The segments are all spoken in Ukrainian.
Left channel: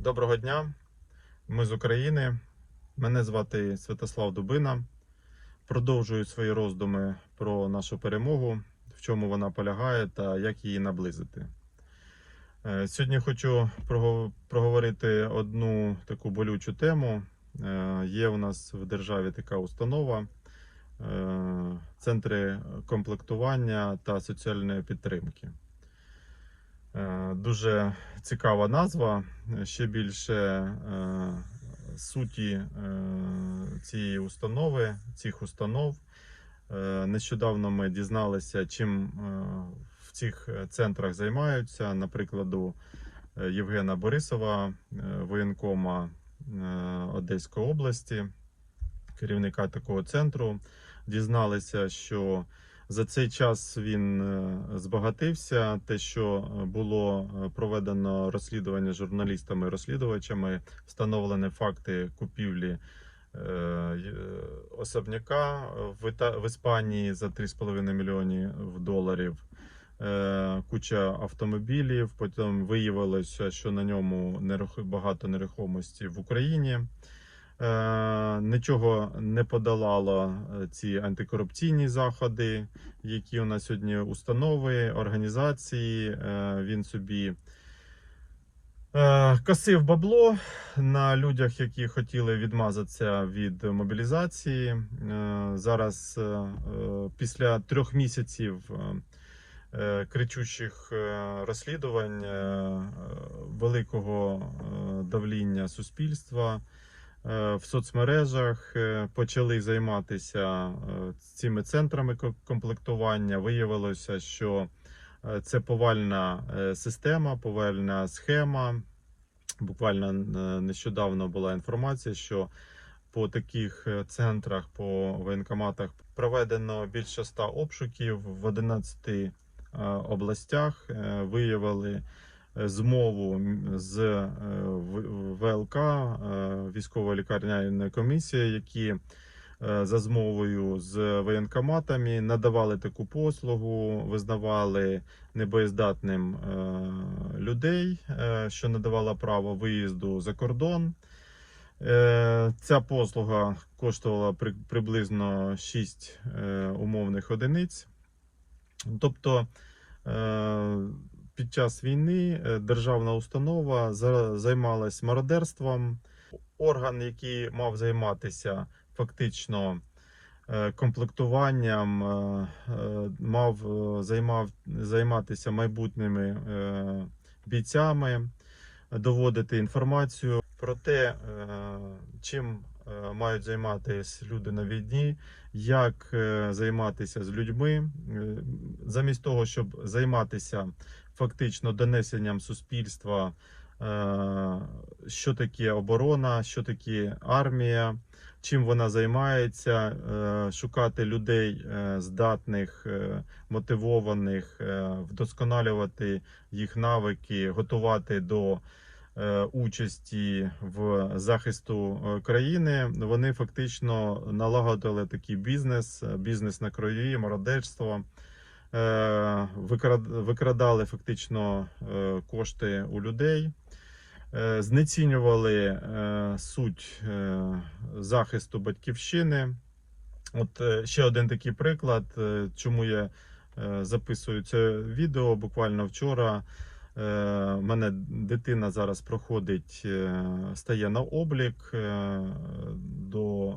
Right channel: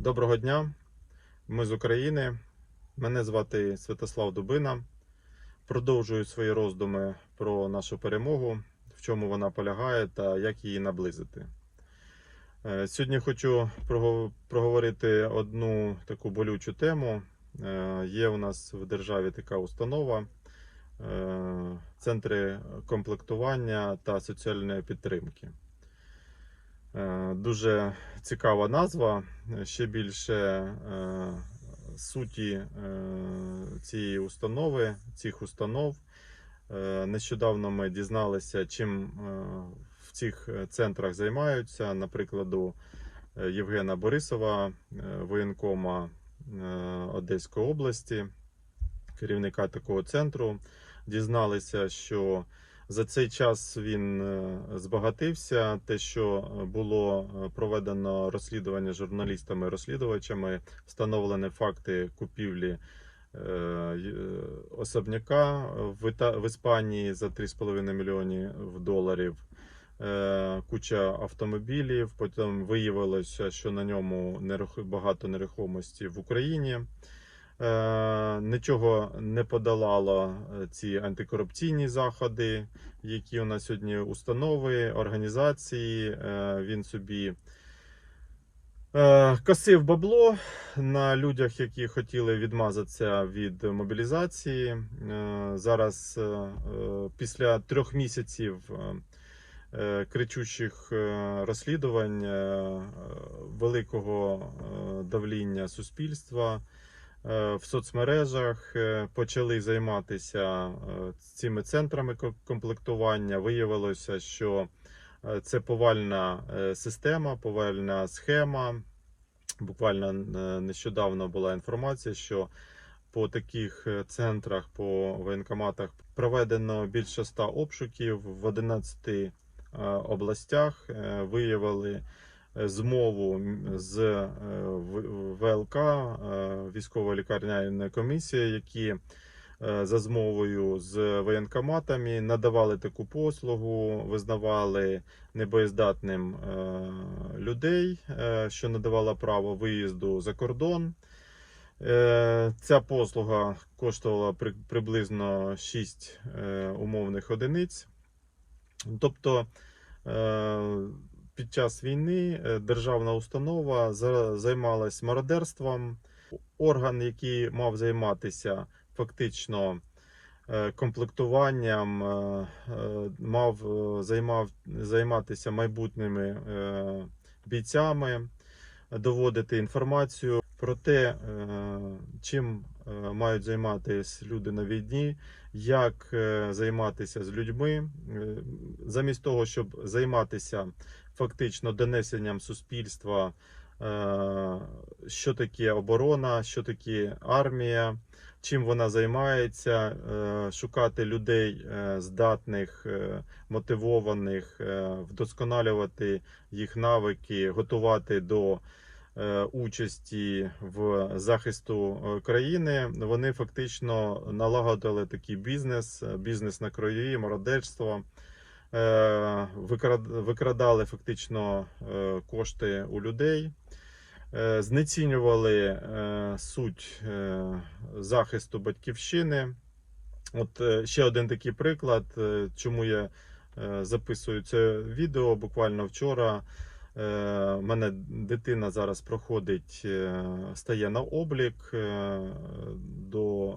Доброго дня, ми з України. Мене звати Святослав Дубина. Продовжую свої роздуми про нашу перемогу, в чому вона полягає та як її наблизити. Е, Сьогодні хочу проговорити одну таку болючу тему. Е, Є у нас в державі така установа, е, центри комплектування та соціальної підтримки. Е, Дуже цікава назва. Ще більше е, суті е, цієї установи, цих установ. Нещодавно ми дізналися, чим в цих центрах займаються. Наприклад, Євгена Борисова, воєнкома Одеської області, керівника такого центру. Дізналися, що за цей час він е, збагатився. Те, що було е, проведено розслідування журналістами-розслідувачами, встановлені факти купівлі е, особняка в, Іспанії за 3,5 мільйони доларів. Е, Куча автомобілів. Потім виявилося, що на ньому багато нерухомості в Україні. Е, Нічого не подолало е, ці антикорупційні заходи, які у нас сьогодні установи, організації. Е, Він собі косив бабло на людях, які хотіли відмазатися від мобілізації. Зараз, після трьох місяців кричущих розслідувань, великого давління суспільства. Е, В соцмережах е, почали займатися е, цими центрами ко- комплектування. Виявилося, що це повальна система, повальна схема. Буквально нещодавно була інформація, що по таких центрах, по воєнкоматах проведено більше 100 обшуків в 11 е, областях. Виявили змову з е, ВЛК, е, військово лікарняної комісії, які е, за змовою з воєнкоматами надавали таку послугу, визнавали небоєздатним е, людей, е, що надавала право виїзду за кордон. Е, Ця послуга коштувала при- приблизно 6 е, умовних одиниць. Тобто е, під час війни е, державна установа за- займалась мародерством. Орган, який мав займатися фактично е, комплектуванням, е, мав займав, займатися майбутніми бійцями, доводити інформацію про те, чим мають займатися люди на війні, як займатися з людьми, замість того, щоб займатися фактично донесенням суспільства, е, що таке оборона, що таке армія, чим вона займається, е, шукати людей е, здатних, мотивованих, вдосконалювати їх навики, готувати до участі в захисту країни. Вони фактично налагодили такий бізнес, бізнес на крові, мародерство. Е, викрад- Викрадали фактично е, кошти у людей, е, знецінювали суть захисту батьківщини. От ще один такий приклад, чому я записую це відео. Буквально вчора мене дитина зараз проходить, стає на облік. До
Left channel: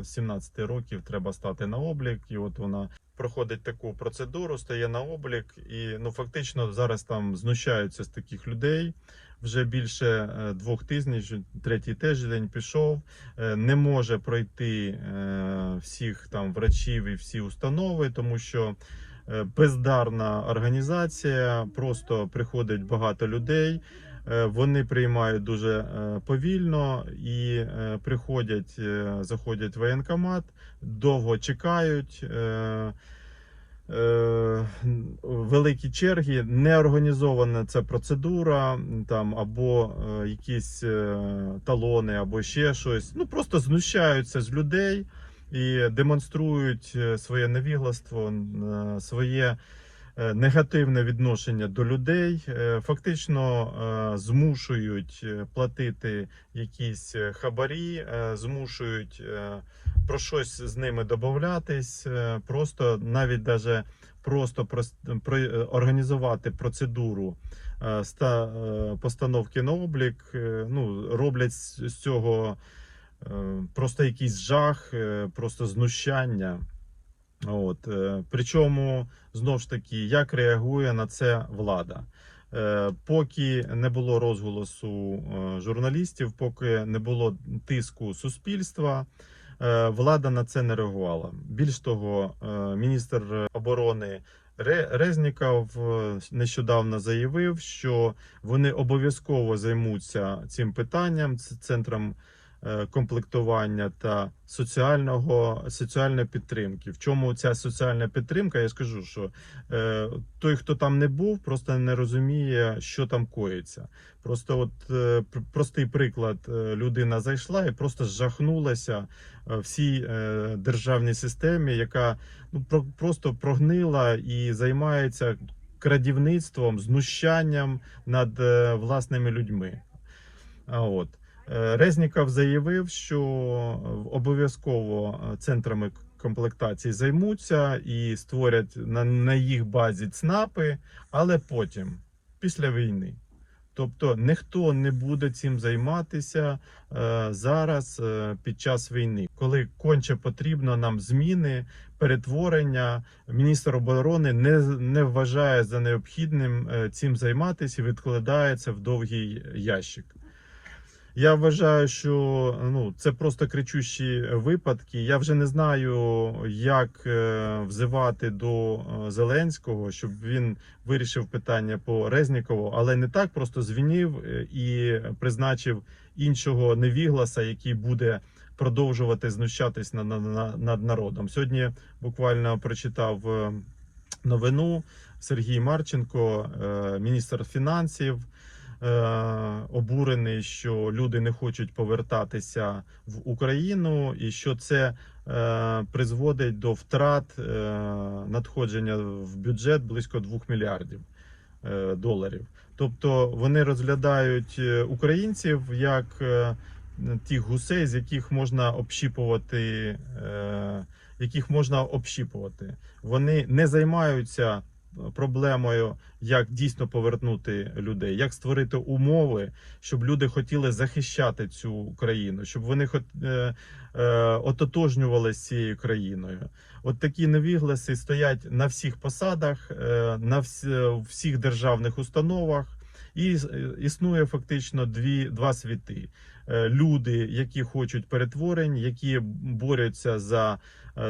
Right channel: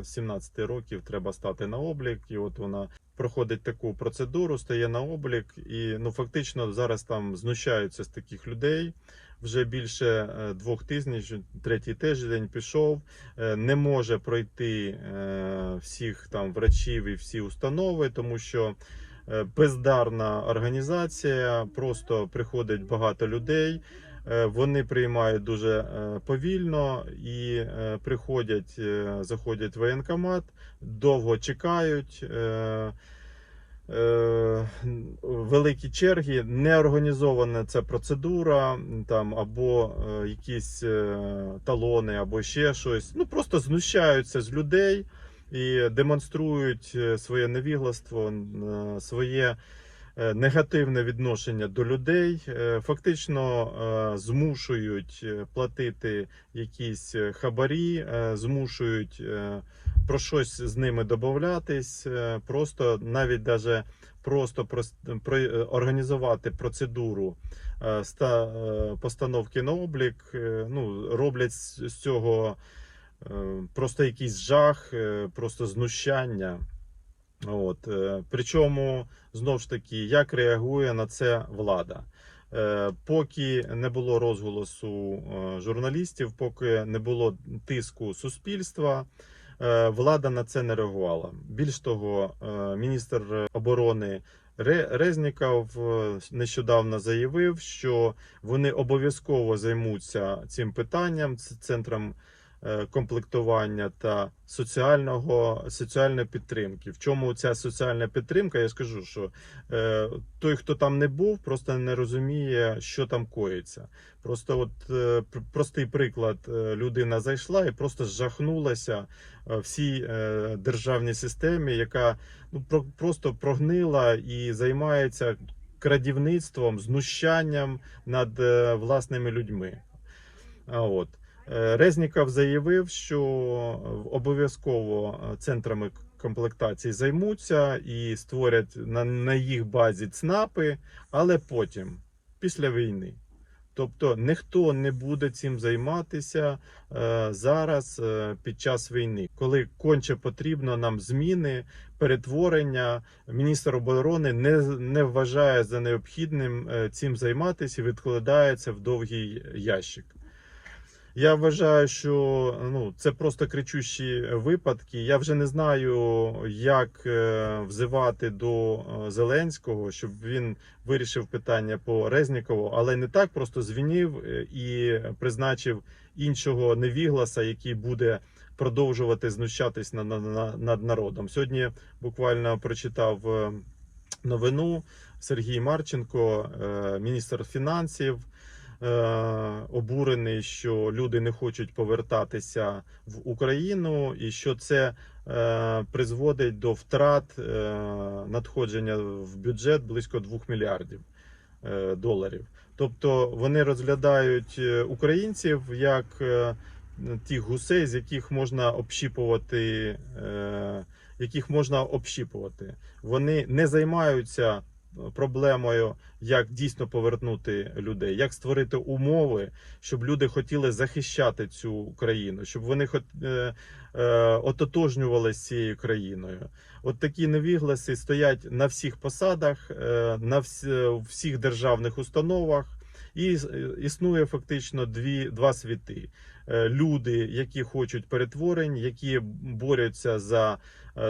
е, 17 років треба стати на облік, і от вона проходить таку процедуру, стає на облік, і ну фактично зараз там знущаються з таких людей. Вже більше е, двох тижнів, третій тиждень пішов, е, не може пройти е, всіх там врачів і всі установи, тому що бездарна організація, просто приходить багато людей. Е, Вони приймають дуже е, повільно і е, приходять, заходять в воєнкомат, довго чекають. великі черги, не організована ця процедура, там або якісь талони, або ще щось. Ну просто знущаються з людей і демонструють своє невігластво, своє негативне відношення до людей, е, фактично е, змушують е, платити якісь е, хабарі, е, змушують е, про щось з ними домовлятись, е, просто навіть даже просто прос- е, організувати процедуру е, ста- е, постановки на облік. е, Ну, роблять з цього е, просто якийсь жах, е, просто знущання. От. е, Причому, знову ж таки, як реагує на це влада? Е, Поки не було розголосу е, журналістів, поки не було тиску суспільства, влада на це не реагувала. Більш того, міністр оборони Ре- Резніков нещодавно заявив, що вони обов'язково займуться цим питанням, центром комплектування та соціального соціальної підтримки. В чому ця соціальна підтримка? Я скажу, що е, той, хто там не був, просто не розуміє, що там коїться. Просто, от е, простий приклад: е, людина зайшла і просто жахнулася е, всій е, державній системі, яка ну про- просто прогнила і займається крадівництвом, знущанням над е, власними людьми. А от Е, Резніков заявив, що обов'язково е, центрами комплектації займуться і створять на, на їх базі ЦНАПи, але потім, після війни. Тобто ніхто не буде цим займатися е, зараз е, під час війни, коли конче потрібно нам зміни, перетворення. Міністр оборони не, не вважає за необхідним е, цим займатися і відкладає в довгий ящик. Я вважаю, що ну це просто кричущі випадки. Я вже не знаю, як е, взивати до е, Зеленського, щоб він вирішив питання по Резнікову, але не так просто звінів е, і призначив іншого невігласа, який буде продовжувати знущатись над, над, над народом. Сьогодні буквально прочитав новину Сергій Марченко, міністр фінансів обурений, що люди не хочуть повертатися в Україну, і що це е, призводить до втрат е, надходження в бюджет близько 2 мільярдів е, доларів. Тобто вони розглядають е, українців як е, тих гусей, з яких можна общіпувати, е, яких можна общіпувати. Вони не займаються проблемою, як дійсно повернути людей, як створити умови, щоб люди хотіли захищати цю країну, щоб вони хот, е, е, ототожнювалися з цією країною. От такі невігласи стоять на всіх посадах, е, на вс- всіх державних установах, і е, існує фактично дві два світи. Е, Люди, які хочуть перетворень, які борються за е,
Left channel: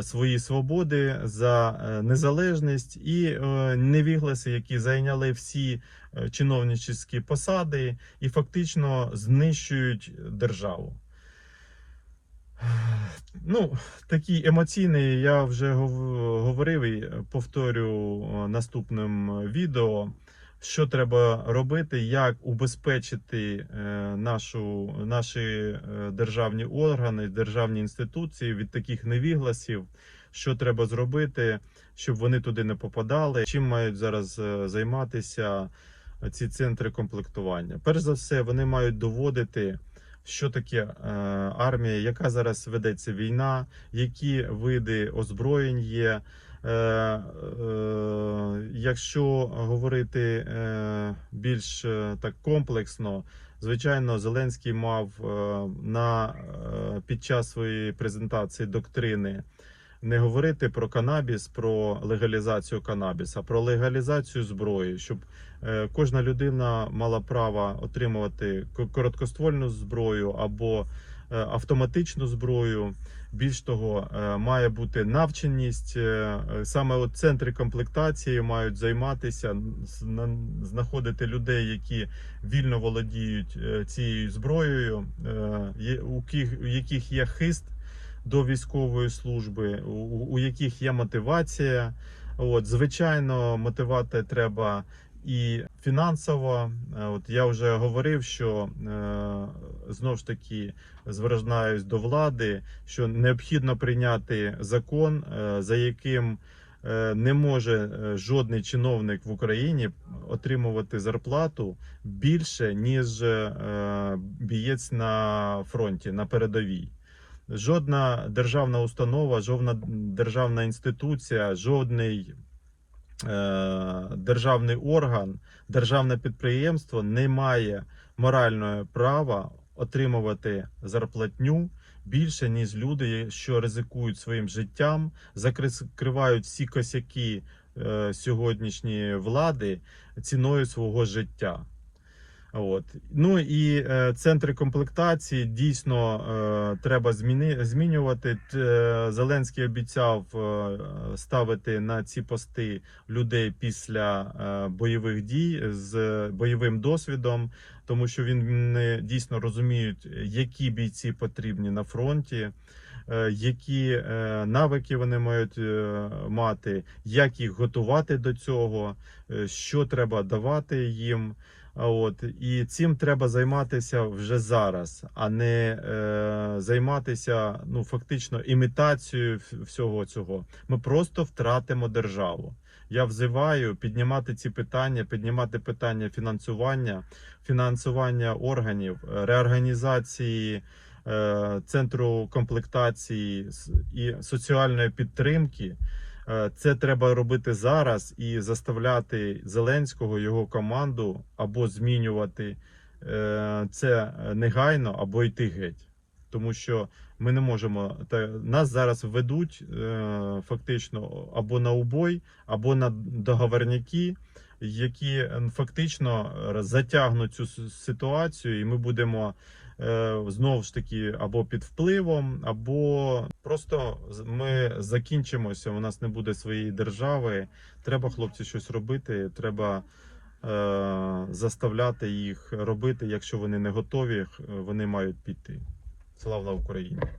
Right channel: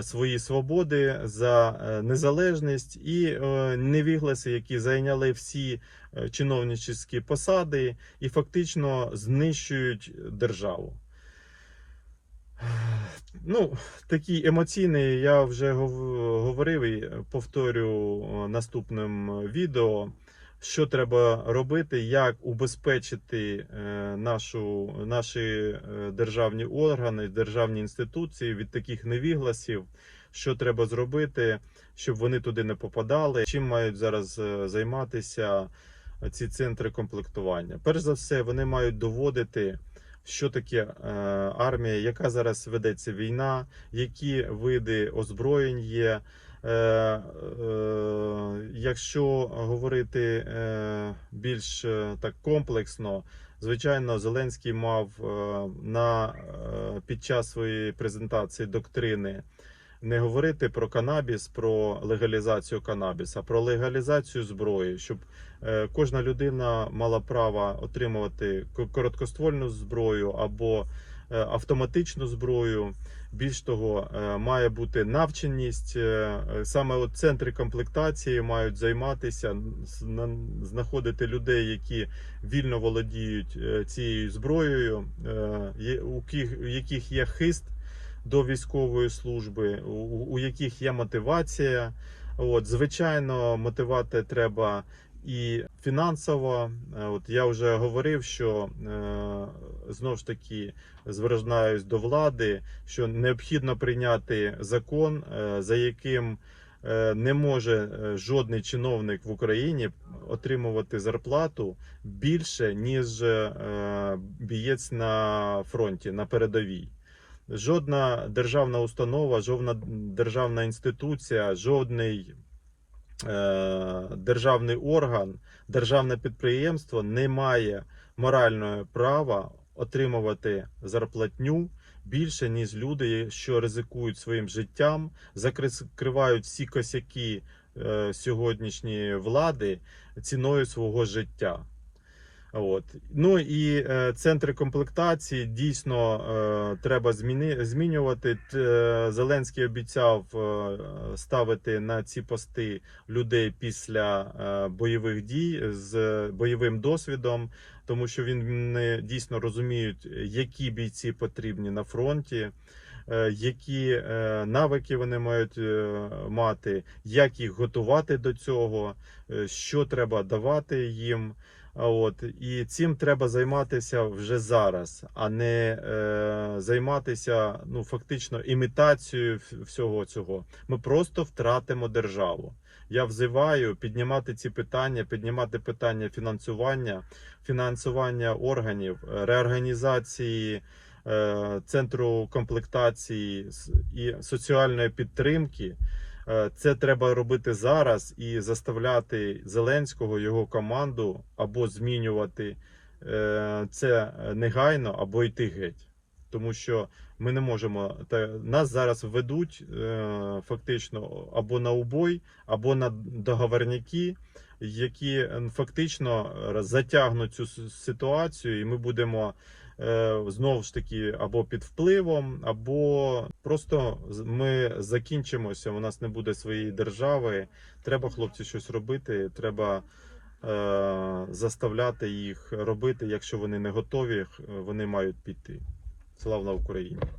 свої свободи, за е, незалежність, і е, невігласи, які зайняли всі е, чиновничі посади і фактично знищують державу. Ну, такий емоційний, я вже говорив і повторю е, наступним відео, що треба робити, як убезпечити е, нашу, наші е, державні органи, державні інституції від таких невігласів, що треба зробити, щоб вони туди не попадали. Чим мають зараз е, займатися ці центри комплектування? Перш за все, вони мають доводити. Що таке армія, яка зараз ведеться війна, які види озброєнь є. Е, е, якщо говорити е, більш так комплексно, звичайно, Зеленський мав на під час своєї презентації доктрини не говорити про канабіс, про легалізацію канабіса, про легалізацію зброї, щоб кожна людина мала право отримувати короткоствольну зброю або автоматичну зброю. Більш того, е, має бути навченість. е, Саме от центри комплектації мають займатися, знаходити людей, які вільно володіють е, цією зброєю, е, у яких є хист до військової служби, у, яких є мотивація. От, звичайно, мотивати треба і фінансово. Е, От я вже говорив, що е, знову ж таки звертаюсь до влади, що необхідно прийняти закон, е, за яким е, не може е, жодний чиновник в Україні отримувати зарплату більше, ніж бієць на фронті, на передовій. Жодна державна установа, жодна державна інституція, жодний державний орган, державне підприємство не має морального права отримувати зарплатню більше, ніж люди, що ризикують своїм життям, закривають всі косяки е, сьогоднішньої влади ціною свого життя. От. Ну і е, центри комплектації дійсно е, треба зміни, змінювати. Т- е, Зеленський обіцяв е, ставити на ці пости людей після е, бойових дій з бойовим досвідом, тому що він не дійсно розуміють, які бійці потрібні на фронті. е, Які е, навики вони мають е, мати, як їх готувати до цього, е, що треба давати їм. От і цим треба займатися вже зараз, а не е, займатися ну фактично імітацією всього цього. Ми просто втратимо державу. Я взиваю піднімати ці питання, піднімати питання фінансування, фінансування органів, е, реорганізації е, центру комплектації і соціальної підтримки. Е, Це треба робити зараз і заставляти Зеленського його команду або змінювати е, це негайно, або йти геть. Тому що ми не можемо та нас зараз ведуть е, фактично або на убой, або на договорняки, які е, фактично е, затягнуть цю ситуацію, і ми будемо е, знову ж таки або під впливом, або просто ми закінчимося. У нас не буде своєї держави. Треба, хлопці, щось робити. Треба е, заставляти їх робити. Якщо вони не готові, вони мають піти. Слава Україні!